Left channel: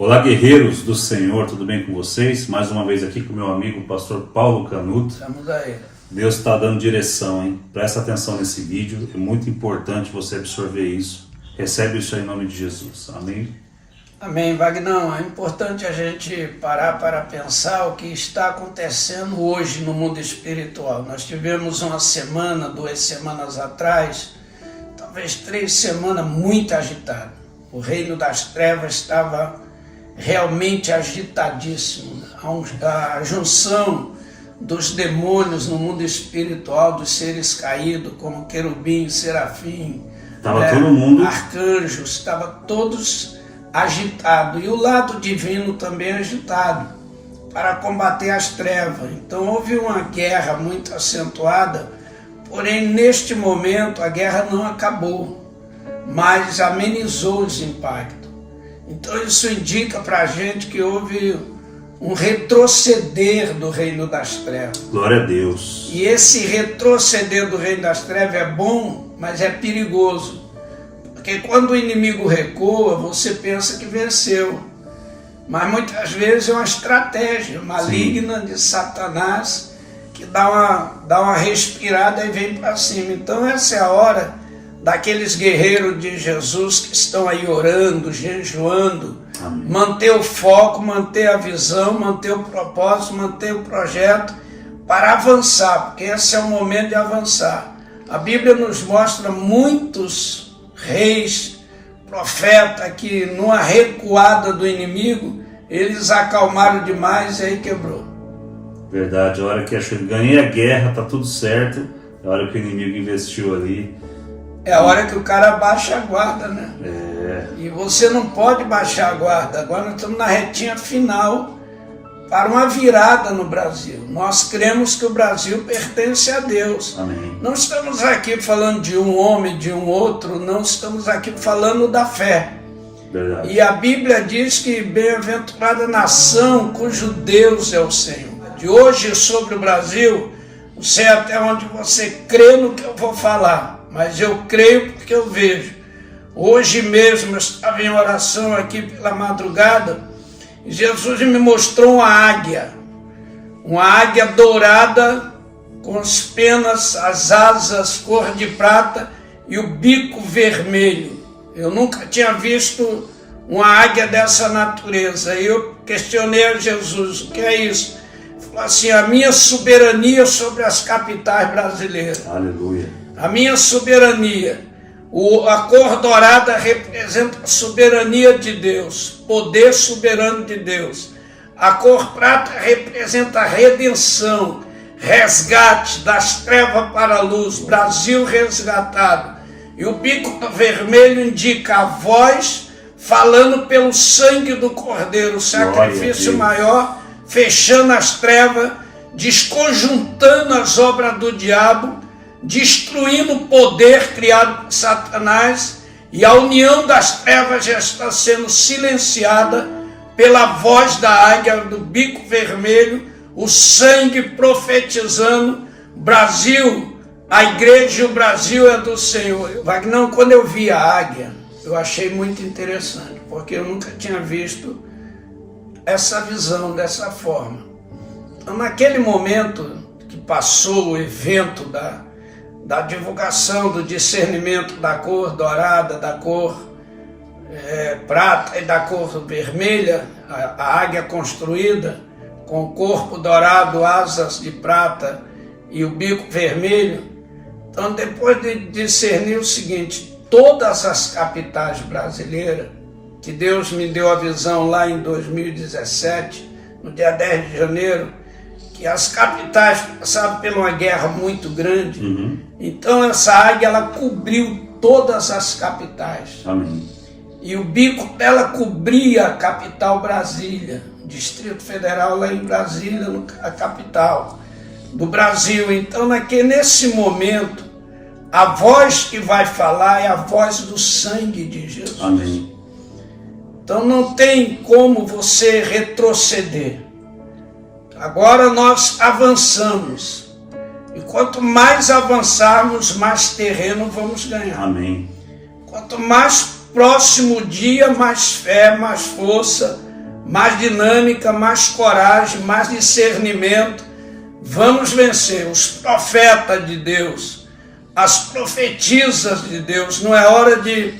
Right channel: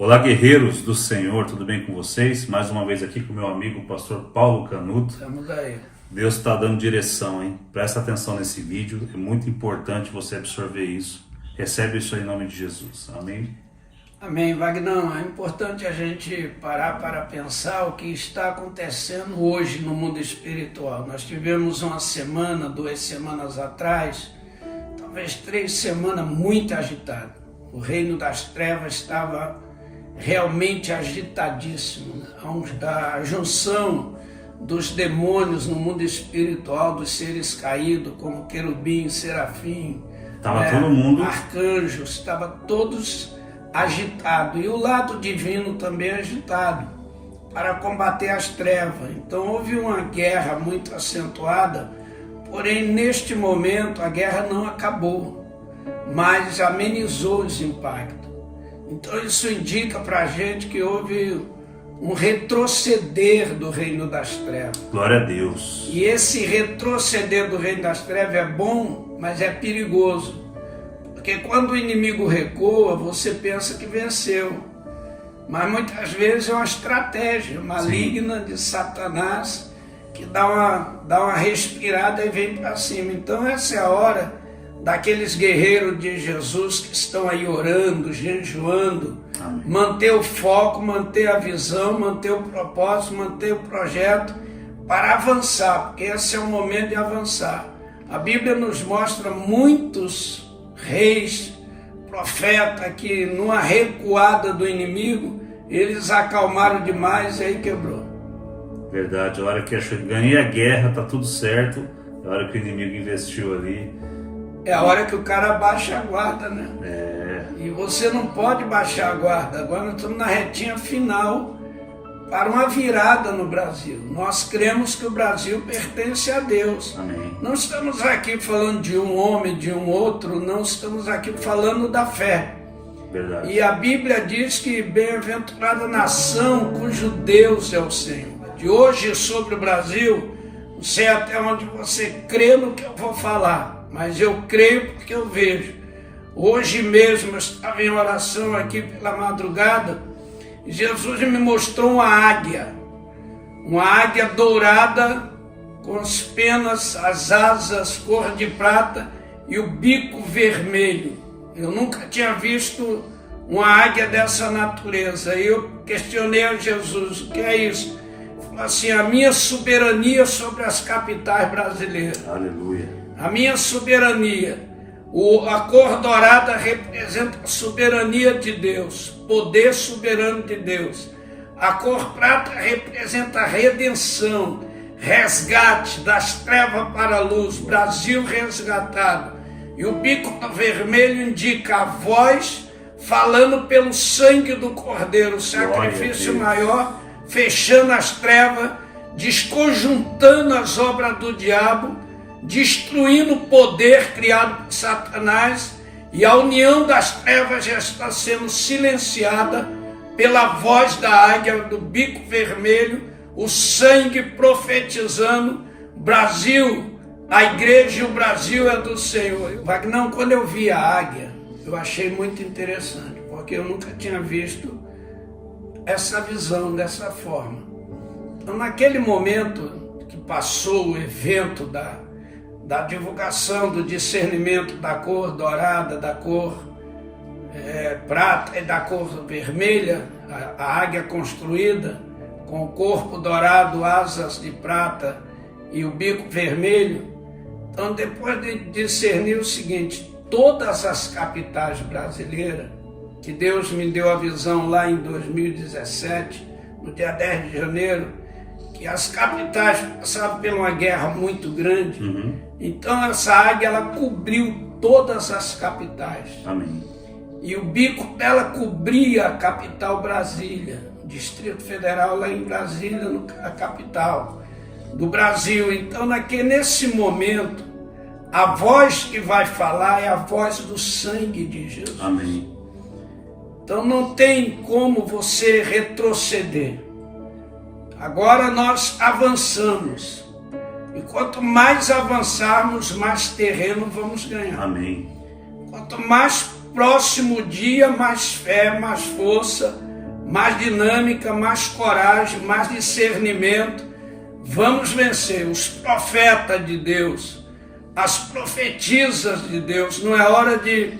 Olá, guerreiros do Senhor, tudo bem com vocês? Mais uma vez aqui com o meu amigo, o pastor Paulo Canuto. Estamos aí. Deus está dando direção, hein? Presta atenção nesse vídeo, é muito importante você absorver isso. Recebe isso aí em nome de Jesus, amém? Amém, Vagnão. É importante a gente parar para pensar o que está acontecendo hoje no mundo espiritual. Nós tivemos uma semana, 2 semanas atrás, talvez 3 semanas muito agitadas. O reino das trevas estava realmente agitadíssimo. A junção dos demônios no mundo espiritual, dos seres caídos, como querubim, serafim, todo mundo, arcanjos, estava todos agitados. E o lado divino também agitado, para combater as trevas. Então houve uma guerra muito acentuada, porém neste momento a guerra não acabou, mas amenizou os impactos. Então isso indica para a gente que houve um retroceder do reino das trevas. Glória a Deus. E esse retroceder do reino das trevas é bom, mas é perigoso. Porque quando o inimigo recua, você pensa que venceu. Mas muitas vezes é uma estratégia maligna de Satanás que dá uma respirada e vem para cima. Então essa é a hora daqueles guerreiros de Jesus que estão aí orando, jejuando, amém, manter o foco, manter a visão, manter o propósito, manter o projeto para avançar, porque esse é o momento de avançar. A Bíblia nos mostra muitos reis, profetas que numa recuada do inimigo, eles acalmaram demais e aí quebrou. Verdade, a hora que ganhei a guerra, tá tudo certo, a hora que o inimigo investiu ali, é a hora que o cara baixa a guarda, né? E você não pode baixar a guarda. Agora nós estamos na retinha final para uma virada no Brasil. Nós cremos que o Brasil pertence a Deus. Amém. Não estamos aqui falando de um homem, de um outro, não estamos aqui falando da fé. Verdade. E a Bíblia diz que bem-aventurada nação cujo Deus é o Senhor. De hoje sobre o Brasil, não sei até onde você crê no que eu vou falar, mas eu creio porque eu vejo. Hoje mesmo eu estava em oração aqui pela madrugada e Jesus me mostrou uma águia dourada com as penas, as asas cor de prata e o bico vermelho. Eu nunca tinha visto uma águia dessa natureza. E eu questionei a Jesus, o que é isso? Ele falou assim, a minha soberania sobre as capitais brasileiras. Aleluia. A minha soberania, a cor dourada representa a soberania de Deus, poder soberano de Deus. A cor prata representa a redenção, resgate das trevas para a luz, Brasil resgatado. E o bico vermelho indica a voz falando pelo sangue do Cordeiro, o sacrifício maior, fechando as trevas, desconjuntando as obras do diabo, destruindo o poder criado por Satanás, e a união das trevas já está sendo silenciada pela voz da águia, do bico vermelho, o sangue profetizando. Brasil, a igreja e o Brasil é do Senhor. Wagner, quando eu vi a águia, eu achei muito interessante, porque eu nunca tinha visto essa visão dessa forma. Então, naquele momento que passou o evento da divulgação, do discernimento da cor dourada, da cor prata e da cor vermelha, a águia construída com o corpo dourado, asas de prata e o bico vermelho. Então, depois de discernir o seguinte, todas as capitais brasileiras, que Deus me deu a visão lá em 2017, no dia 10 de janeiro, que as capitais passaram por uma guerra muito grande. Então essa águia, ela cobriu todas as capitais. Amém. E o bico dela cobria a capital Brasília, Distrito Federal lá em Brasília, a capital do Brasil. Então nesse momento, a voz que vai falar é a voz do sangue de Jesus. Amém. Então não tem como você retroceder. Agora nós avançamos. E quanto mais avançarmos, mais terreno vamos ganhar. Amém. Quanto mais próximo o dia, mais fé, mais força, mais dinâmica, mais coragem, mais discernimento. Vamos vencer. Os profetas de Deus, as profetisas de Deus. Não é hora de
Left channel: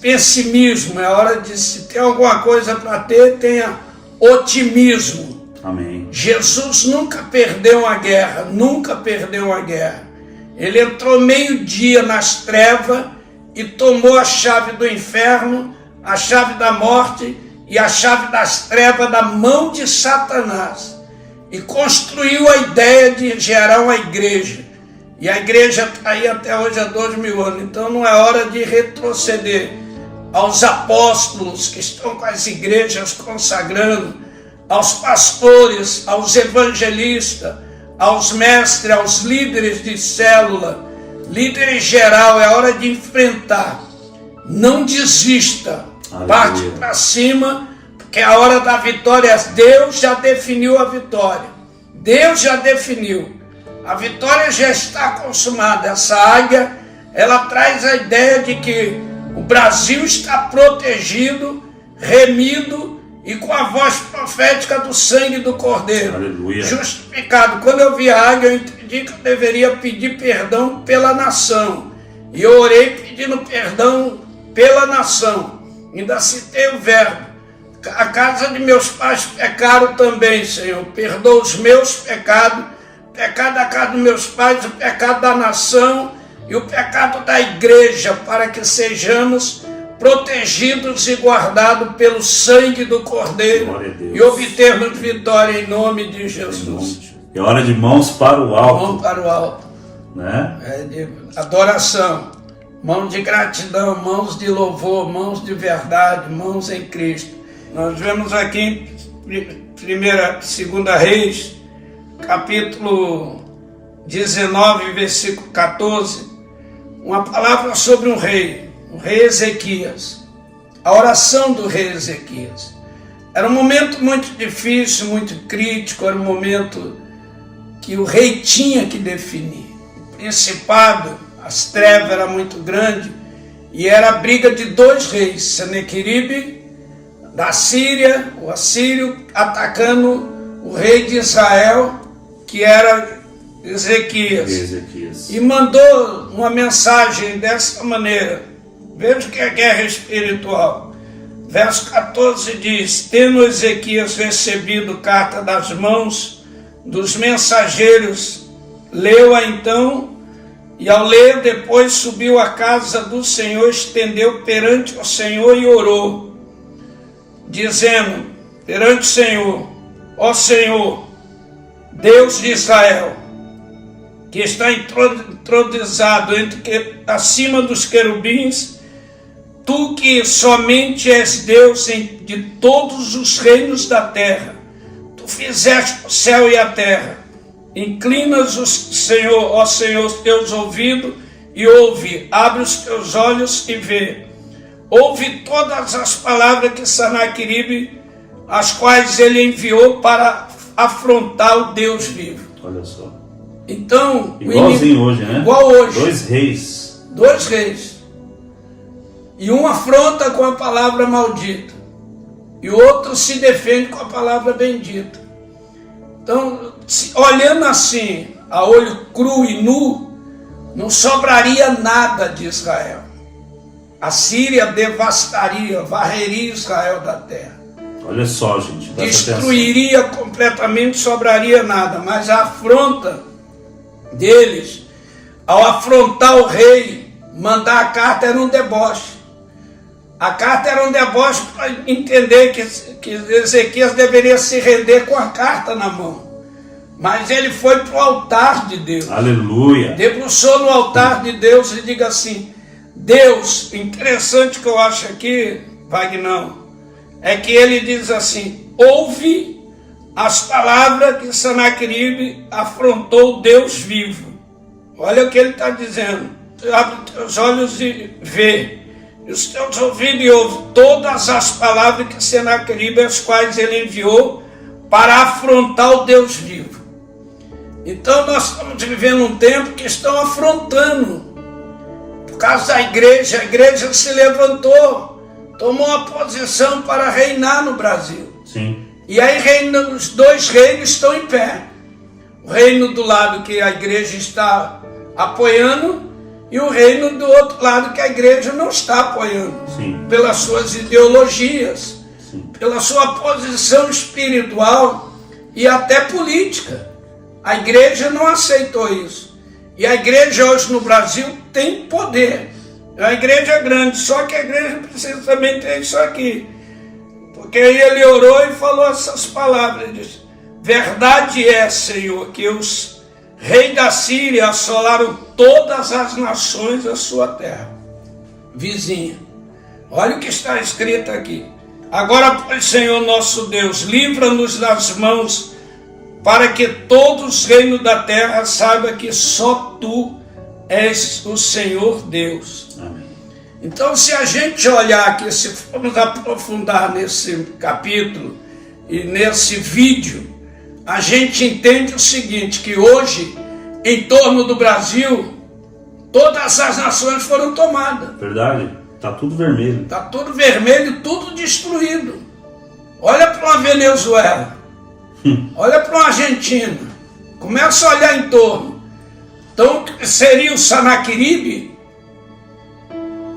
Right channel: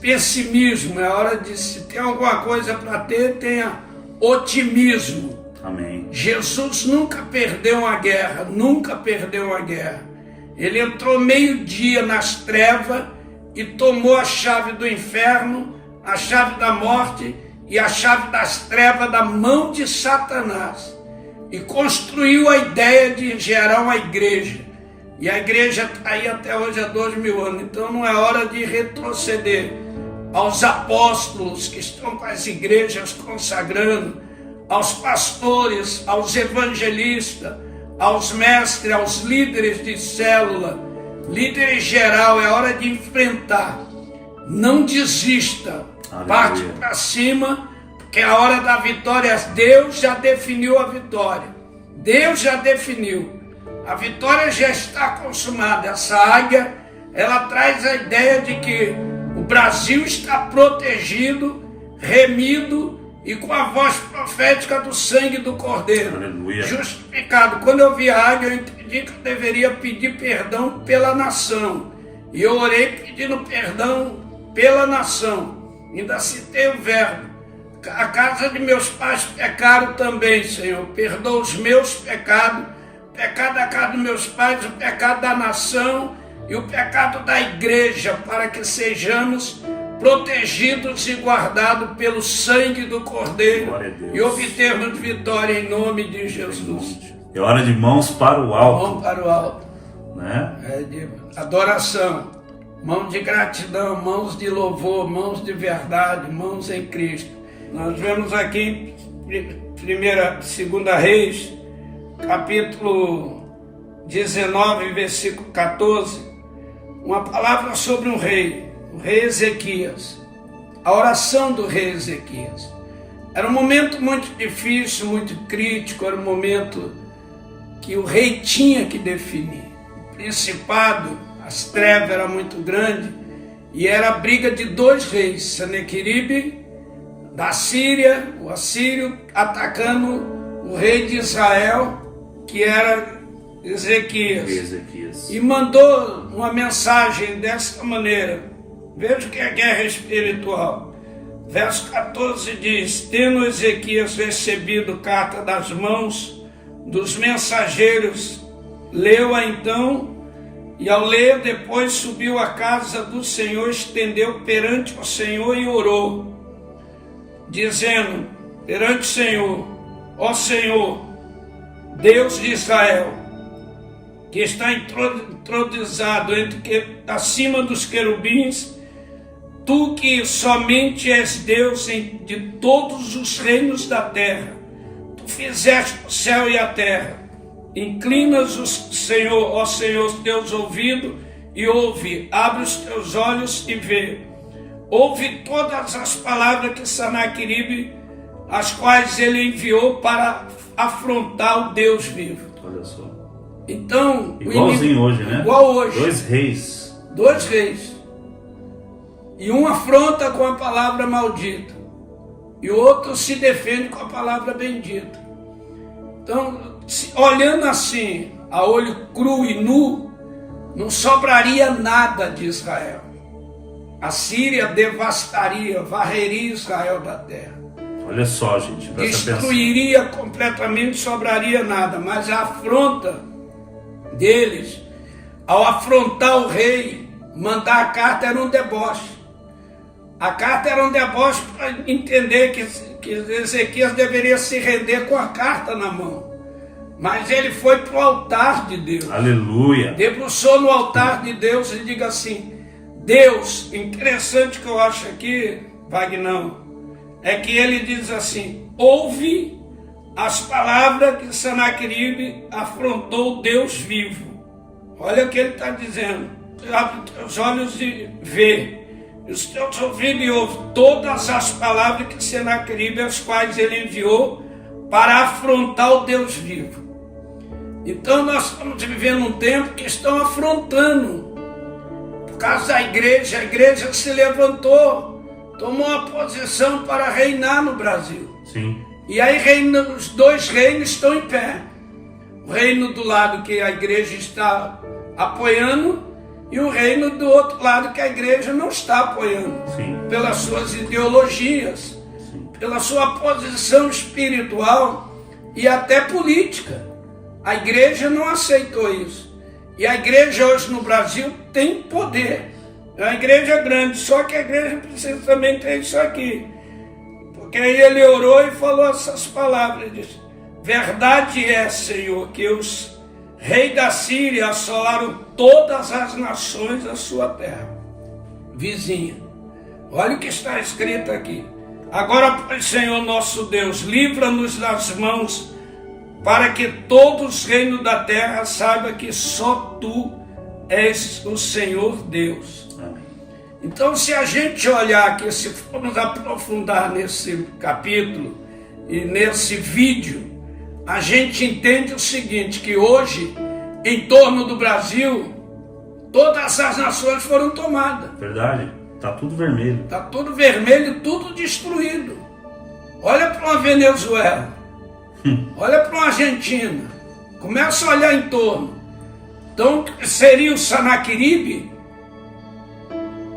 pessimismo, é hora de, se tem alguma coisa para ter, tenha otimismo. Amém. Jesus nunca perdeu uma guerra, nunca perdeu uma guerra. Ele entrou meio-dia nas trevas e tomou a chave do inferno, a chave da morte e a chave das trevas da mão de Satanás. E construiu a ideia de gerar uma igreja. E a igreja está aí até hoje há 2000 anos. Então não é hora de retroceder aos apóstolos que estão com as igrejas consagrando, aos pastores, aos evangelistas, aos mestres, aos líderes de célula, líderes geral. É hora de enfrentar. Não desista. Aleluia. Parte para cima, porque é a hora da vitória. Deus já definiu a vitória. Deus já definiu. A vitória já está consumada. Essa águia, ela traz a ideia de que o Brasil está protegido, remido e com a voz profética do sangue do Cordeiro. Aleluia. Justificado. Quando eu vi a águia, eu entendi que eu deveria pedir perdão pela nação. E eu orei pedindo perdão pela nação. Ainda citei o verbo. A casa de meus pais pecaram também, Senhor. Perdoa os meus pecados, o pecado da casa dos meus pais, o pecado da nação e o pecado da igreja, para que sejamos protegidos e guardados pelo sangue do Cordeiro e obtermos vitória em nome de Jesus. É hora de mãos para o alto. Mão para o alto. Né? É de adoração, mãos de gratidão, mãos de louvor, mãos de verdade, mãos em Cristo. Nós vemos aqui em 2 Reis, capítulo 19, versículo 14, uma palavra sobre um rei, o rei Ezequias. A oração do rei Ezequias. Era um momento muito difícil, muito crítico, era um momento que o rei tinha que definir. O principado, as trevas eram muito grandes, e era a briga de dois reis, Senaqueribe, da Síria, o assírio, atacando o rei de Israel, que era Ezequias. E mandou uma mensagem dessa maneira. Veja que é guerra espiritual. Verso 14 diz: tendo Ezequias recebido carta das mãos dos mensageiros, leu-a então, e ao ler depois subiu à casa do Senhor, estendeu perante o Senhor e orou, dizendo perante o Senhor: ó Senhor, Deus de Israel, que está entronizado acima dos querubins, tu que somente és Deus de todos os reinos da terra, tu fizeste o céu e a terra. Inclinas, Senhor, ó Senhor, teus ouvidos e ouve, abre os teus olhos e vê. Ouve todas as palavras que Senaqueribe, as quais ele enviou para afrontar o Deus vivo. Olha só. Então, igualzinho hoje, né? Igual hoje. Dois reis. E um afronta com a palavra maldita, e o outro se defende com a palavra bendita. Então, olhando assim, a olho cru e nu, não sobraria nada de Israel. A Síria devastaria, varreria Israel da terra. Olha só, gente, destruiria completamente, sobraria nada. Mas a afronta deles, ao afrontar o rei, mandar a carta era um deboche. A carta era um deboche para entender que Ezequias deveria se render com a carta na mão. Mas ele foi para o altar de Deus. Aleluia. Debruçou no altar de Deus e diga assim: Deus, interessante que eu acho aqui, Vagnão, é que ele diz assim: ouve as palavras que Senaqueribe afrontou Deus vivo. Olha o que ele está dizendo: abre os teus olhos e vê, e os teus ouvidos e ouve todas as palavras que Senaqueribe, as quais ele enviou para afrontar o Deus vivo. Então nós estamos vivendo um tempo que estão afrontando. Por causa da igreja, a igreja se levantou tomou a posição para reinar no Brasil. Sim. E aí os dois reinos estão em pé. O reino do lado que a igreja está apoiando e o reino do outro lado que a igreja não está apoiando. Sim. Pelas suas ideologias, Sim. pela sua posição espiritual e até política. A igreja não aceitou isso. E a igreja hoje no Brasil tem poder. É uma igreja grande, só que a igreja precisa também ter isso aqui. Porque aí ele orou e falou essas palavras. Ele disse, verdade é, Senhor, que os reis da Síria assolaram todas as nações da sua terra vizinha. Olha o que está escrito aqui. Agora, pois, Senhor nosso Deus, livra-nos das mãos, para que todos os reinos da terra saibam que só Tu és o Senhor Deus. Amém. Então, se a gente olhar aqui, se formos aprofundar nesse capítulo e nesse vídeo, a gente entende o seguinte, que hoje, em torno do Brasil, todas as nações foram tomadas. Verdade? Tá tudo vermelho. Está tudo vermelho, tudo destruído. Olha para a Venezuela, olha para a Argentina, começa a olhar em torno. Então, seria o Sanaqueribe,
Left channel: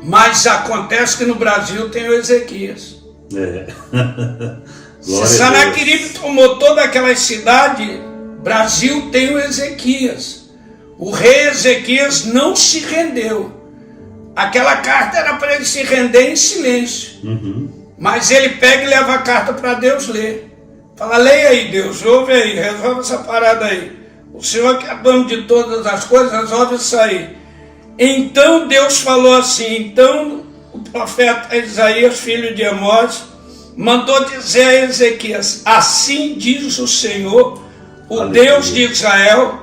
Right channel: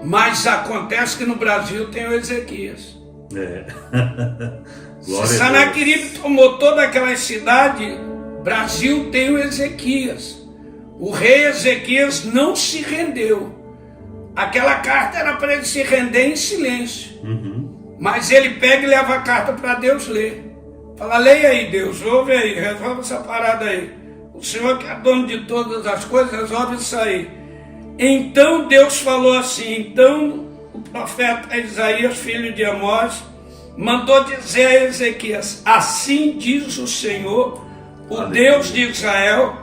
mas acontece que no Brasil tem o Ezequias. É. Se Sanaqueribe tomou todas aquelas cidades, Brasil tem o Ezequias. O rei Ezequias não se rendeu. Aquela carta era para ele se render em silêncio. Mas ele pega e leva a carta para Deus ler. Fala, leia aí, Deus, ouve aí, resolve essa parada aí. O Senhor que é dono de todas as coisas, resolve isso aí. Então Deus falou assim, então o profeta Isaías, filho de Amós, mandou dizer a Ezequias, assim diz o Senhor, o Deus de Israel,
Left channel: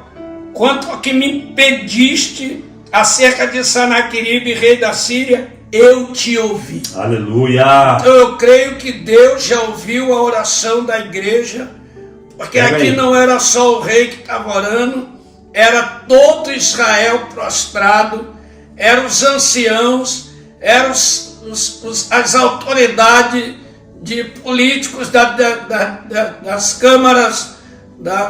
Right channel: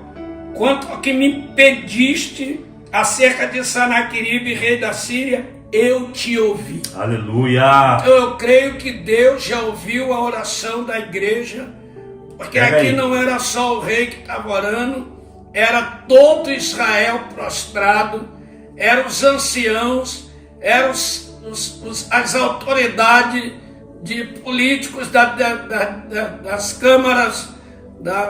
quanto ao que me impediste acerca de Sanaqueribe, rei da Síria, eu te ouvi. Aleluia! Então eu creio que Deus já ouviu a oração da igreja, porque aqui não era só o rei que estava orando, era todo Israel prostrado, eram os anciãos, eram as autoridades de políticos das câmaras,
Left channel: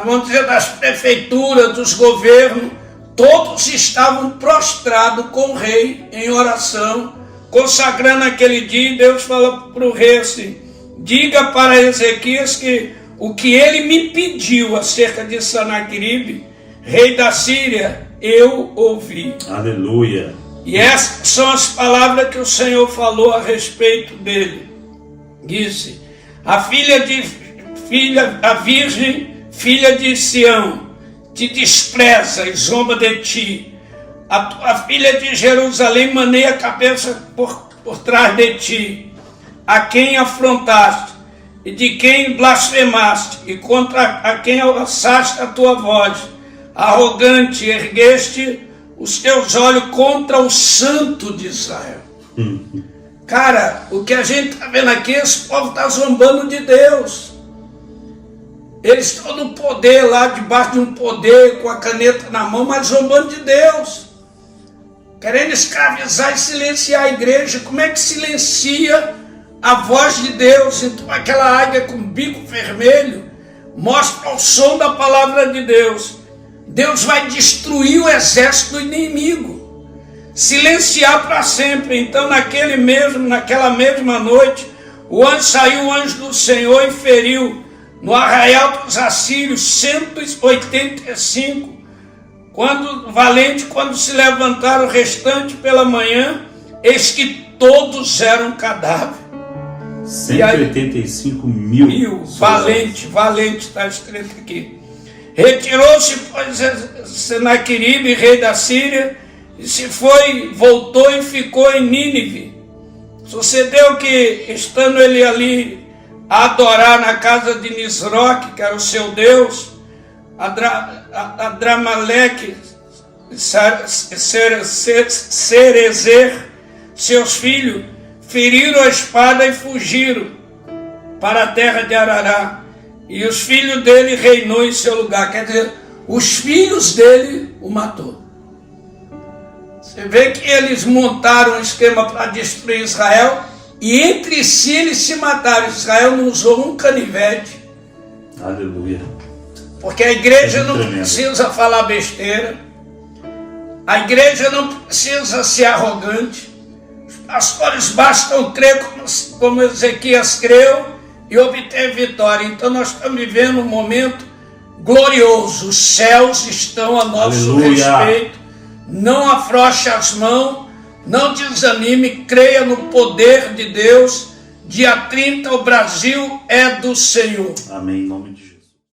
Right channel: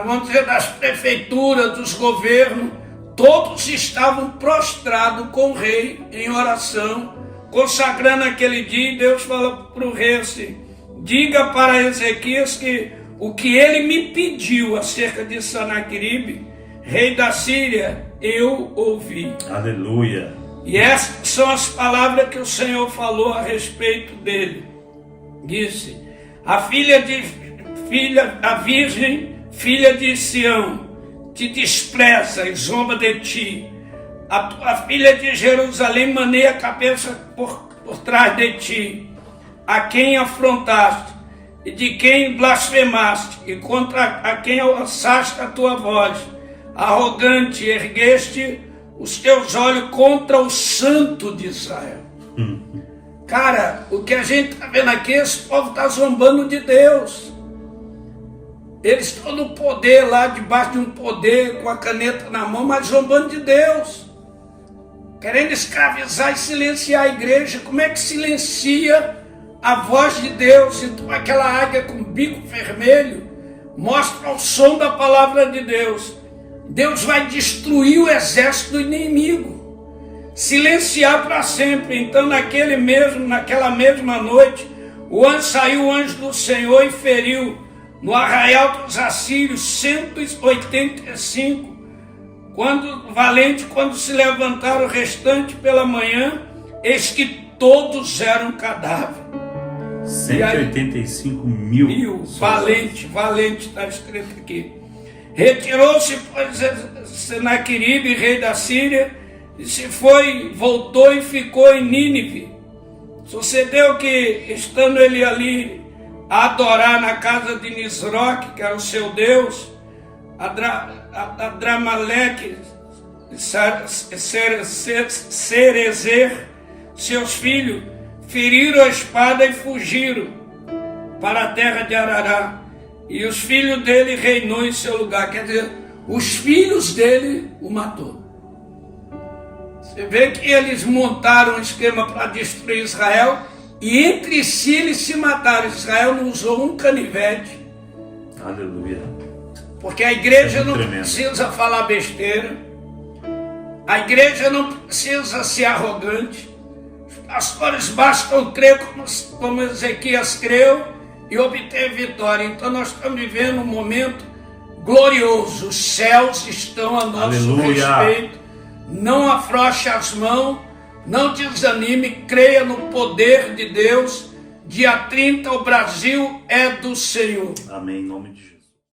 vamos dizer, das prefeituras, dos governos, todos estavam prostrados com o rei em oração, consagrando aquele dia. E Deus falou para o rei assim, diga para Ezequias que o que ele me pediu acerca de Sanaqueribe, rei da Síria, eu ouvi. Aleluia. E essas são as palavras que o Senhor falou a respeito dele. Disse, a virgem, filha de Sião, te despreza e zomba de ti. A tua filha de Jerusalém maneia a cabeça por trás de ti, a quem afrontaste e de quem blasfemaste, e contra a quem alçaste a tua voz. Arrogante, ergueste os teus olhos contra o Santo de Israel. Cara, o que a gente está vendo aqui, esse povo está zombando de Deus. Eles estão no poder lá, debaixo de um poder, com a caneta na mão, mas zombando de Deus. Querendo escravizar e silenciar a igreja. Como é que silencia a voz de Deus? Então aquela águia com bico vermelho mostra o som da palavra de Deus. Deus vai destruir o exército do inimigo, silenciar para sempre. Então naquela mesma noite, saiu o anjo do Senhor e feriu no arraial dos assírios 185, quando se levantaram o restante pela manhã, eis que todos eram cadáveres. 185 mil. Valente está escrito aqui. Retirou-se, pois, Sanaqueribe, rei da Síria, e voltou e ficou em Nínive. Sucedeu que, estando ele ali a adorar na casa de Nisroque, que era o seu Deus, Adramaleque, Cerezer, seus filhos, feriram a espada e fugiram para a terra de Arará. E os filhos dele reinou em seu lugar. Quer dizer, os filhos dele o matou. Você vê que eles montaram um esquema para destruir Israel, E entre si eles se mataram. Israel não usou um canivete. Aleluia. Porque a igreja não tremendo. precisa falar besteira. A igreja não precisa ser arrogante. Os pastores bastam crer como Ezequias creu e obter vitória. Então nós estamos vivendo um momento glorioso. Os céus estão a nosso Aleluia. respeito. Não afrouxe as mãos, não desanime, creia no poder de Deus. Dia 30 o Brasil é do Senhor. Amém, em nome de Jesus.